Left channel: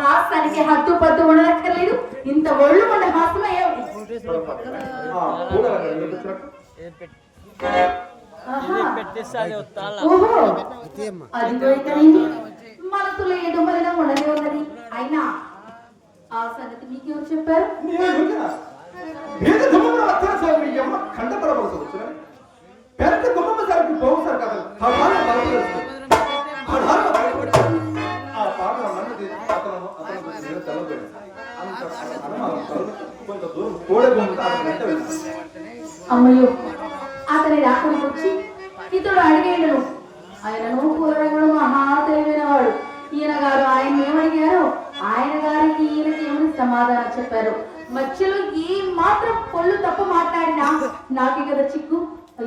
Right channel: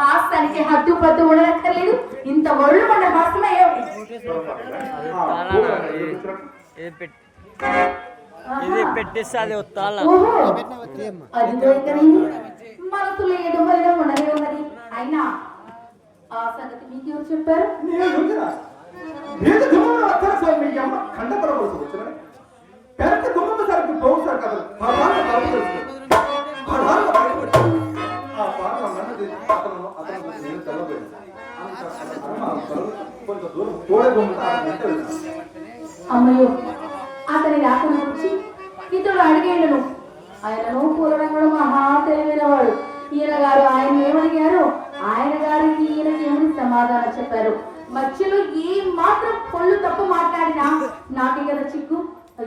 హాస్యానికి హద్దు పద్దు ఉండనక్కర్లేదు ఇంత ఒళ్ళు కొండ? ఇది? మనసు లేదు ఉన్నది అయినా ఆ సంగతి మీకు చెప్పారు.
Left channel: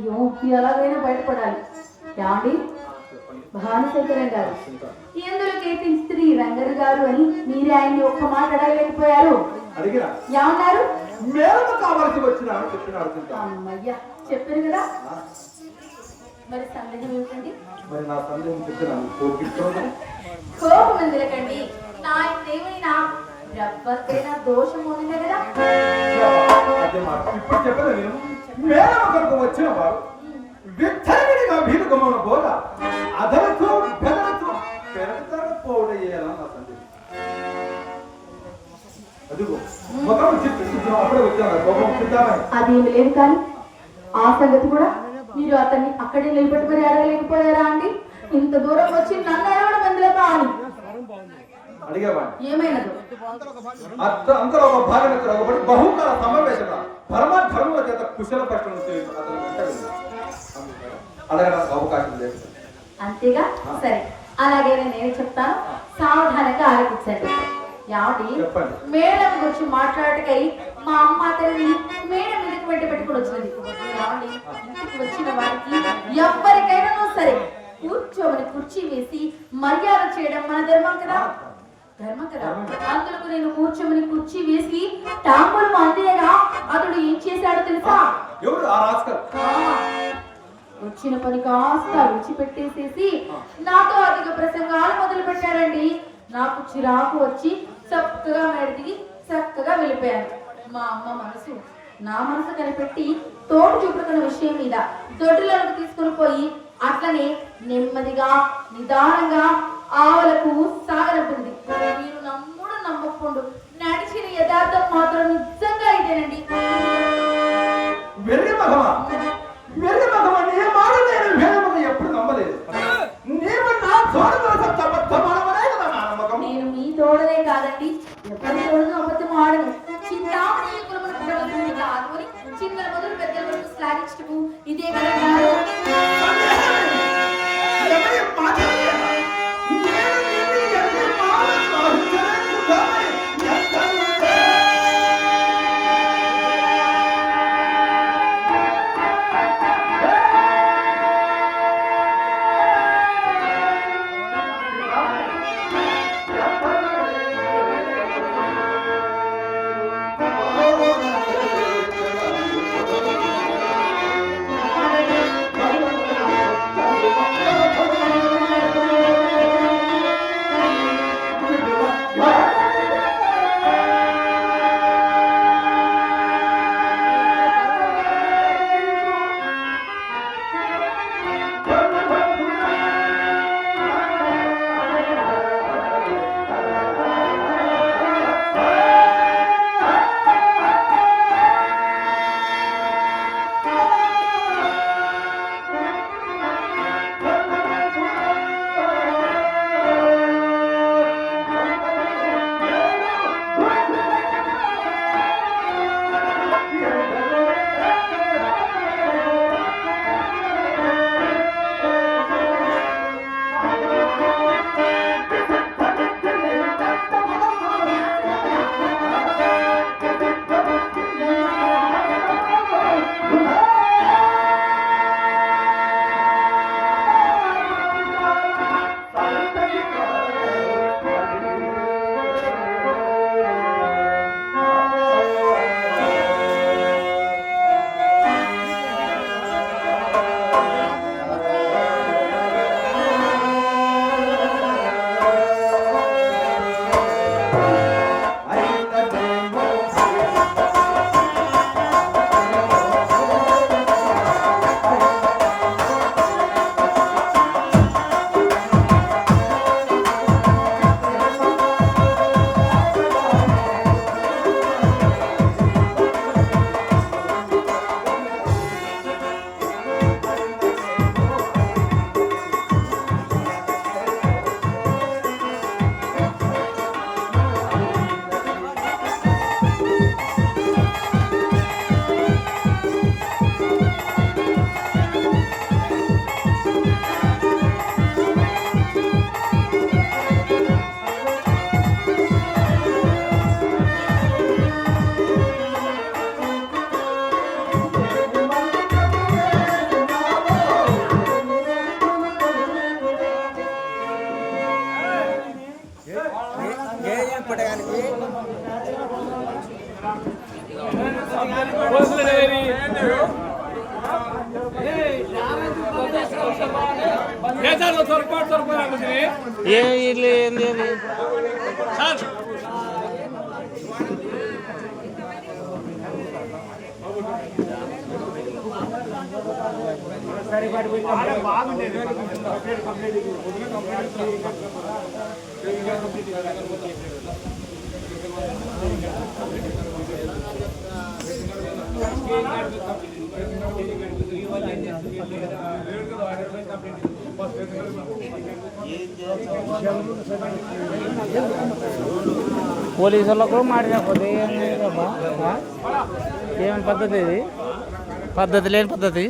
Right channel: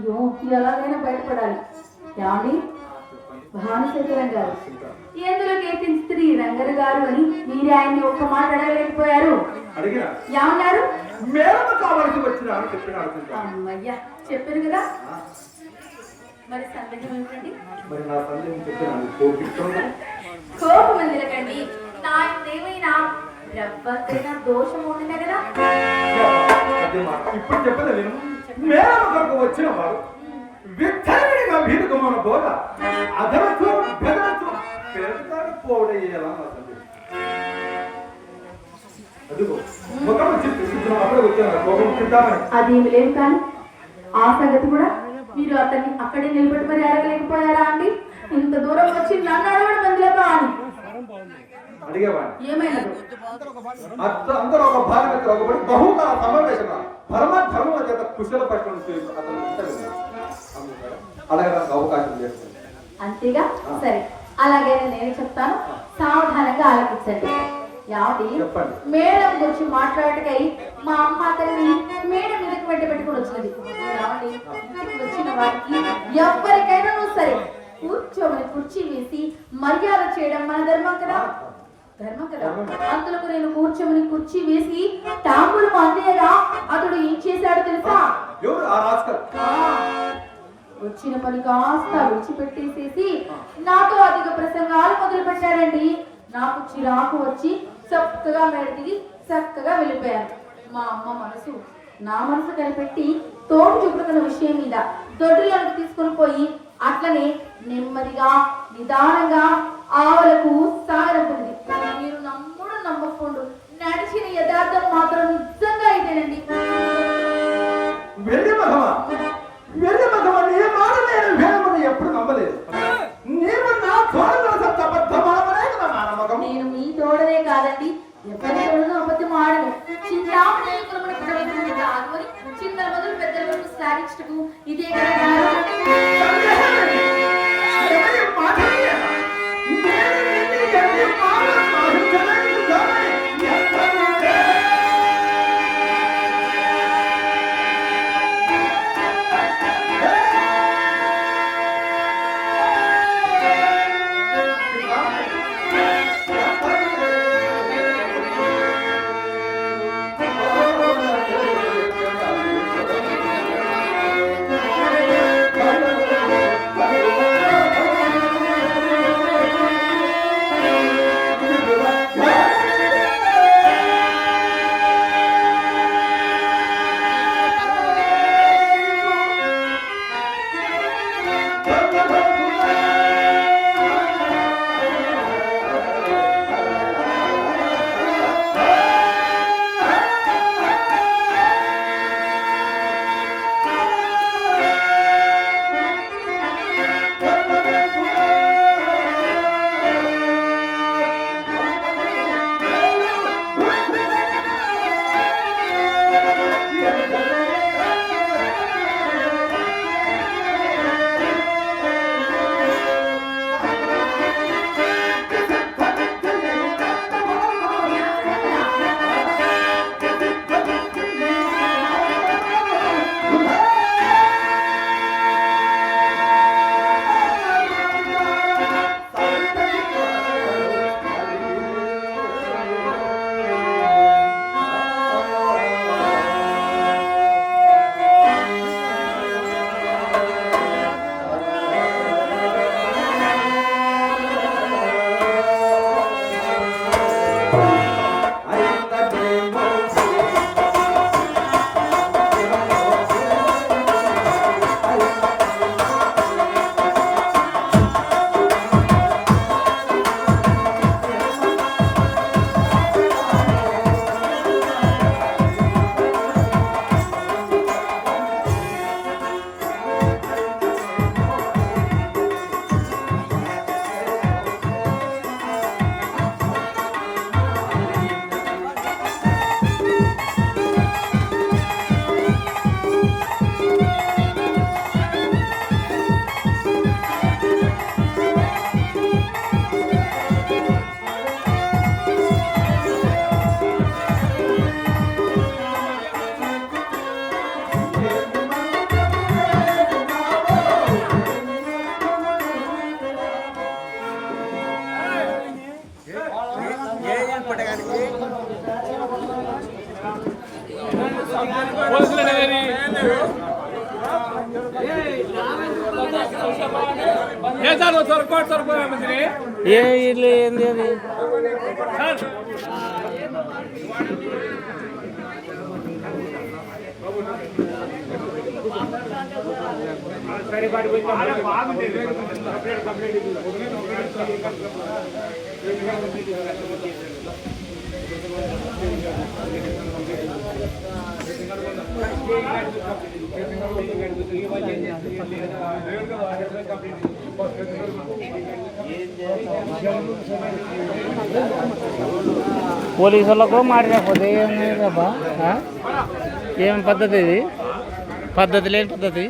అయ్యో ఎలాగైనా బయటపడాలి. ఏమండి? భానుశంకరం గారు ఎందులో స్త్రీ రంగరు గారు అని మీరే ఆయన్ని ఒక్క మాట అడగలేకపోయారు? ఏమన్నారు చెప్పిన అమ్మయ్యా చెప్పారు కదా. మరి సందేహం కోపిస్తున్నా కోపం ఎందుకండి నా ఏమైనా రవ్వకైనా దోషం ఉందినే కదా అదే మాట ఇప్పుడు చెప్పలేదు నేను మేడమ కొరకు వచ్చిన వారు విచ్చలవిడిగా వీరు గమన గోడ అధరత్వం బెదరత్వం పెరగతాడు పోవడయ్యేలా నా సందేహం అదిగో ముఖం చెప్పి అప్పుడే వచ్చాను కోపం తింటామని అదేమి లేదు కానీ ఆ సంగతి కూడా మీరు అతన్ని అక్కడే నిలబెట్టుకుని అడగలేకపోయారా అండి? ఇంత దూరం వచ్చి నన్ను అడగడం ఎందులో అని అడిగేవాడిని. అందరూ ఒక భార్య ఒకటి బహుకాల సమావేశంగా పరమ ధర్మ చేత కుశల పట్టణం అతను అడగడానికి అవకాశం లేదు. అంతేగా? సరే. అలాగే నేను చెప్తాను. సావధానంగా ఆలోచించండి. యావటి చెప్పండి. మేడం గురించి మాట్లాడకై మా అమ్మ అతన్ని మేడం మీదకి వెంట పెట్టుకుని వచ్చింది. వచ్చిన వారికి ఎవరికైనా సరే కూర్చోమని కుర్చీ వేసి మర్యాద చేయడం మన ధర్మం కదా? ధర్మం కదా? అందులో నేను కూర్చోమని కుర్చీ వేసి టాంబులు అందేగా అతడు ఏం చేశాడో తెలుసా? ఎవరు? ఆ వచ్చిన పని కాస్త విడిచిపెట్టేసేసి నాతో అధిక ప్రసంగాలు మొదలు పెట్టారండి నాకు చిరాకు వచ్చి చక్కగా మేడ దిగి చక్కగా వెళ్ళిపోయాను. మా అమ్మ మనసు నా మనసు కనిపెట్టి తోడు చూపుతున్న విషయం మీద దొడ్డిలోకి తీసుకుని పోయి అట్లనే నెమ్మదిగా నిదానంగా ఆవులకు సాగనంటుంది మీరు నమ్ముడు నమ్మకుండా. నడిచిన యథార్థం మాత్రం నిజంగా ఇదేనండి. వెర్రి మగమ వెర్రి మగమ నీ మాట నేను వేరమని ఎప్పుడు నమ్మలేదు. నీవు నా తోడగల సత్యబద్ధమానమనే కదా నా నమ్మకం. నేను మీ తోడనే కాదండి. ఎవరి తోడను అబద్ధం ఆడను. చింతామణి కులమున పుట్టలేదు కాదుకొని చిన్నల మొదలు పెద్దల వరకు ఇదే కదా ఏంది అది పోలీసు వాళ్ళకు మారినపోతే ఏమబ్బా ఏం పద్ధతి ఇది? పద్ధతి లేని పద్ధతి.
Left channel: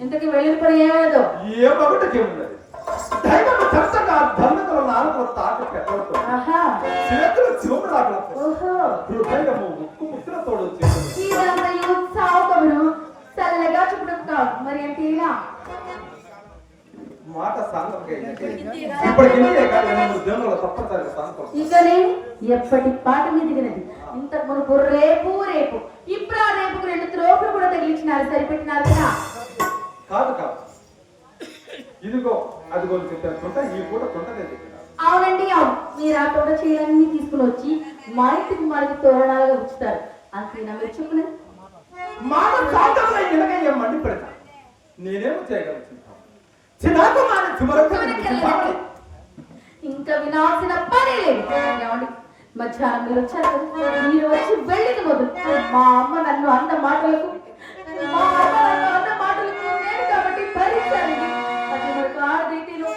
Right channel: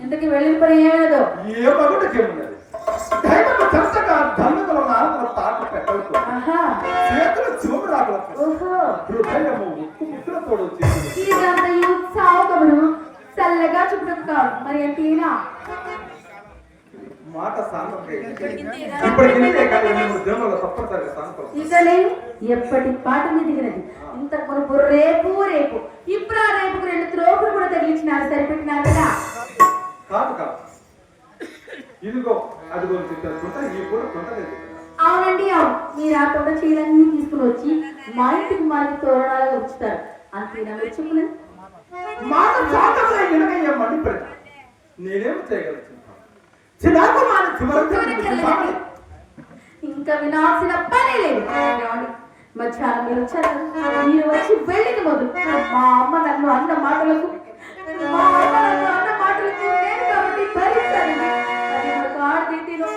ఇంతకీ వెళ్ళిన పని ఏమేదో ఏ దైవం నాలుగు తాక చేతులు చూపు రాకలతో హృదయము ముక్కులతోడు చల్లగా చుట్టం కాదు. మరి మాట ఇకనే ఎప్పటి పాట మీద దిగినది ఇంతకు మునుపు రేపు రేపు. ఇప్పుడు ఆ రేపుకు రెండు త్రోపులు కూడా తగిలించినారు సరిపెట్టినారు కదా? కాదు కాదు. ఇదిగో చెప్పిన కుంట ఈ పూట నేను అవునండి అవును. మీరు ఆ తోట చీరలన్నీ తీసుకుని వచ్చి మా ఇంటికి మాకి తోరణాలుగా ఉంచుతారు. అంతేనా మీరు చెప్పినది మాట సాంగత్యం ఎనకయ్య మండి పెడతా. నేనేం చేయగలుగుతున్నాను చిన్నాకు మాన చివరకు ఇంకా వినాల్సిన పని లేదు? మధ్యాహ్నం మీరు వచ్చారు మీరు వచ్చి వెళ్ళింది మొదలు. మా అమ్మ నన్ను అన్న మాటలకు మా అమ్మ నన్ను అన్న మాటలకు నేను కాబట్టి భరించాను ఆడదీటీలో